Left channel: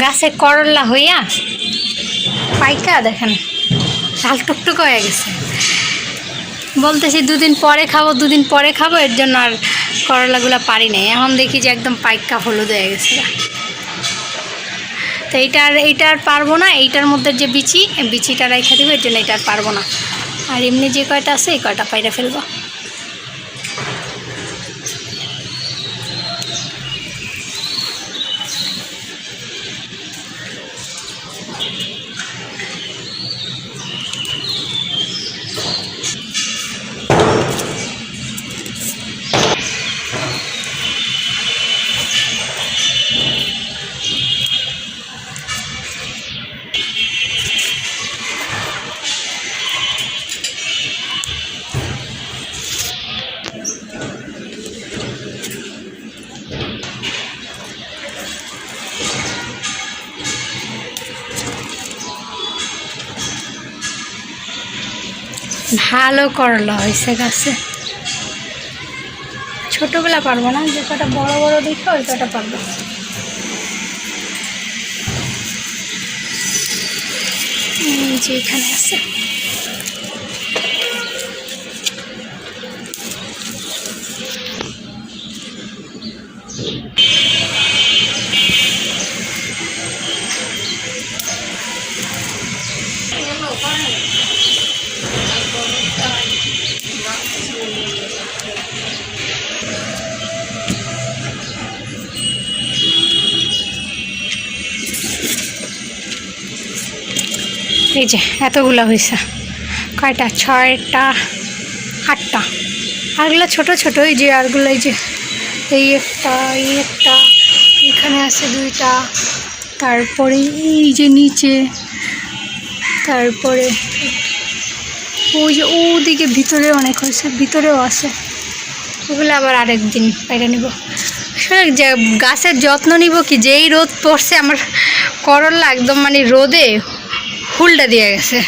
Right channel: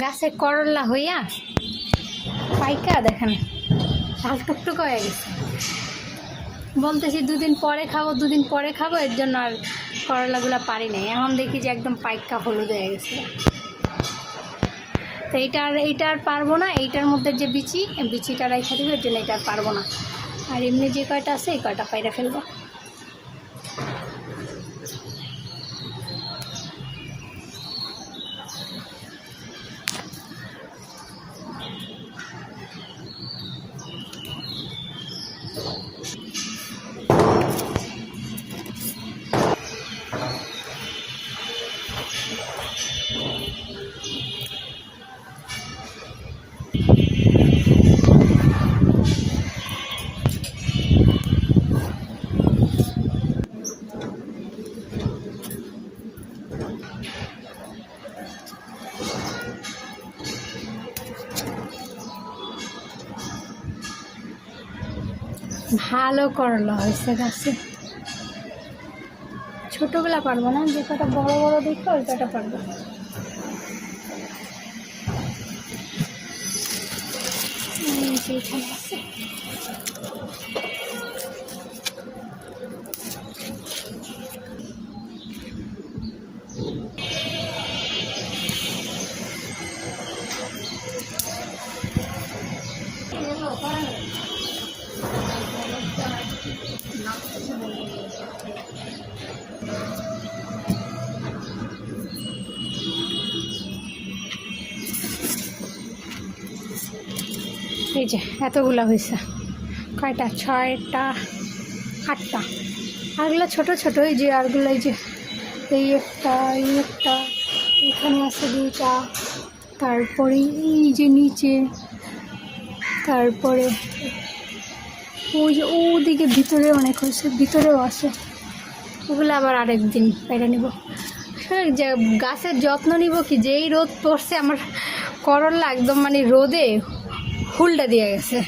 গাছে করলা হইয়া পাইকা দেখেন লাল টুকটুক হয়ে গেছে। বলতেছি দুদিন পরে খাবো, এর জন্য আর করলাগুলো পারি নাই। এখন দেখি যে একদম পাইকা হলুদ হয়ে গেছে। তো এইটা আর পারবো না, এইটার মধ্যে যে বিচিটা রেখে দেবো, এর জন্য এটা আর পারবো না। আর এমনি যে কয়টা আছে এই কয়টা পাইরা ফেলবো। ভালো করলা হয়েছে গাছে। ছোটবেলা পারবো না, যে কটা বড় বড় দিকে ওই কটা পারবো। যে এখানে আছে এই যে এতগুলো হয়েছে। কয়টা? 6টা 8টা। আরগুলো ছোট ছোট। এই যে আরগুলো এই যে এই একটা এখানে আছে 2টা, তারপরে এই যে নিচে, তারপরে ওই যে ওদিকে ভিতরে অনেক হয়েছে, ভিতরেও আছে। ওগুলো আবার আরেকদিন পাইরা নিব। আসলে যে গাছের যত্ন নিব কি, যেই রোদ পড়ছে আমার করলা একদম মানে রোদে হুলটা দিয়ে গেছে।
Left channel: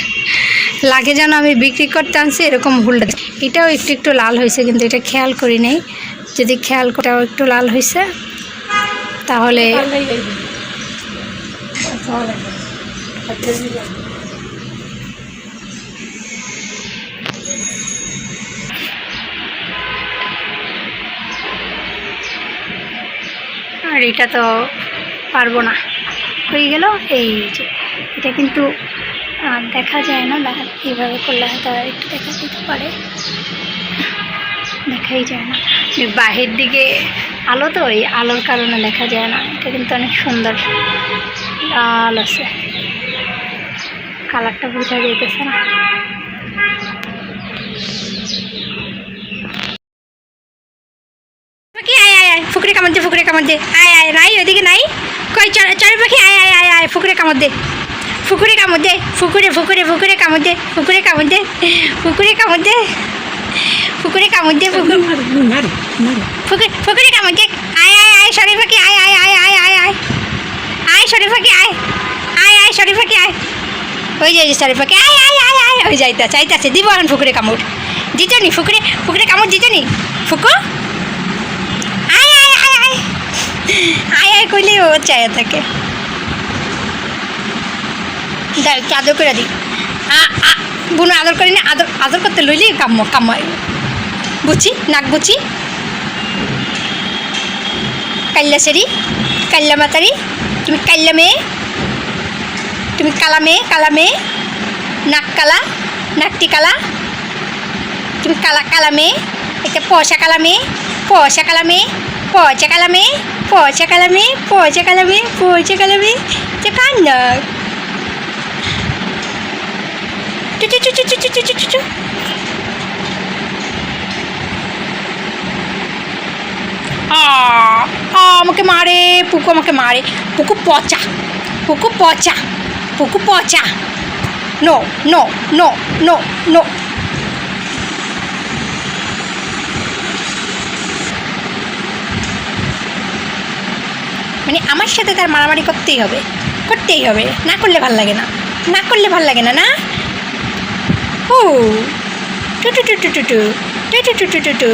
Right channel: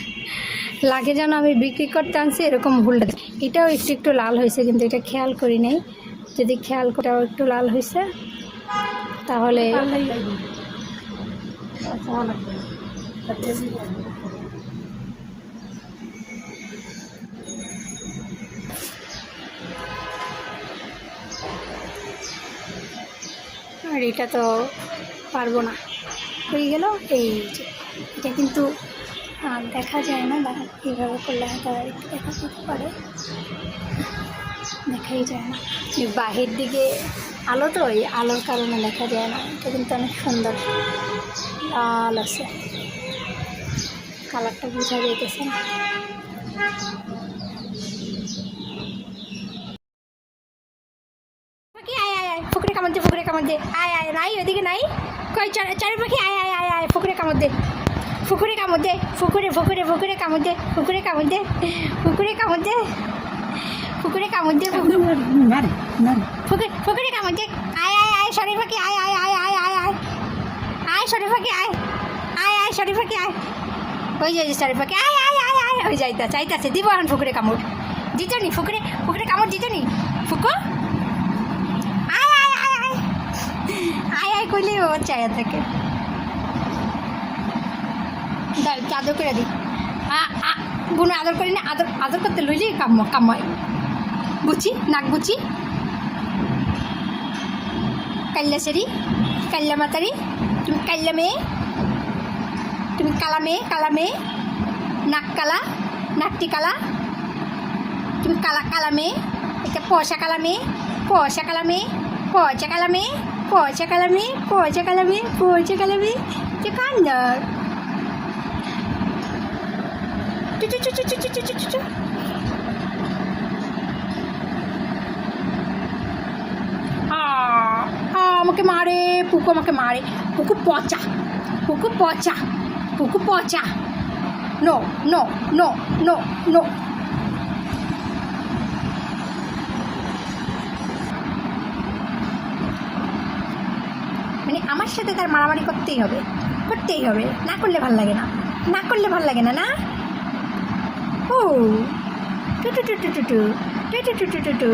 লাগে যেন আমি বিক্রি করতে আনছি এরকম হুলটা। এটাও একটু লাল হয়েছে, কিন্তু এটা খেয়াল করি নাই। যদি খেয়াল করেও একটু লাল হয়েছে তাহলে আর এটা তো পারবো না, হয়ে গেল। এই যে এটা কিন্তু দেখা যায় না, এইভাবে করলে হয়তো একটু দেখা যেতে পারে, দেখাই যায় না। বাহির দিকে আলো তো, এই আলোর কারণে দেখা যায় না। এটা কিন্তু অনেক সুন্দর লাল আছে, কালারটা বোঝা যাইতেছে না। ফুকরে কামড় দে, আয় নাই ওইদিকে নাই, কই চড়ে পাখি, আয় ফুকরে কামড় দে, ফুকুরে কামড় দে, ফুকুরে কামড় দে, ফুকুরে কামড় দে, ফুকুরে কামড় দে, ফুকুরে কামড় দে, ফুকুরে কামড় দে। আয় সরি পাখি, আয় সরি পাখি, আয় সরি পাখি, আয়। ওই যে সরি পাখি, আয় ওই চাইতাছে দিব এখন ফুকুরে কামড় দিত নি, ফুকুরে কামড় দিত নি, ফুকু আয় কইলে ও চায় থাকে। আদর করে দিই, বোন আদর করি না, আদর করতে লইলি কামাই বুঝি, নাক বুঝি, কাল্লা সেরি, কাল্লা মাতারি, তুমি কাল্লা মেয়ে, তুমি কালা মেয়ে, নাক কালা, নাকটি কালা, তুমি কালা মেয়ে, একটা পয়সা কালা মেয়ে, যে কান্না আমাকে মারে, পুকু আমাকে মারে, পুকু পচা, no no no no no. মানে আমার সাথে তার মারামারি করতেই হবে, না করলে ভাল লাগে না, না। ও টু টু টু টু টু টু টু টু টু টু টু।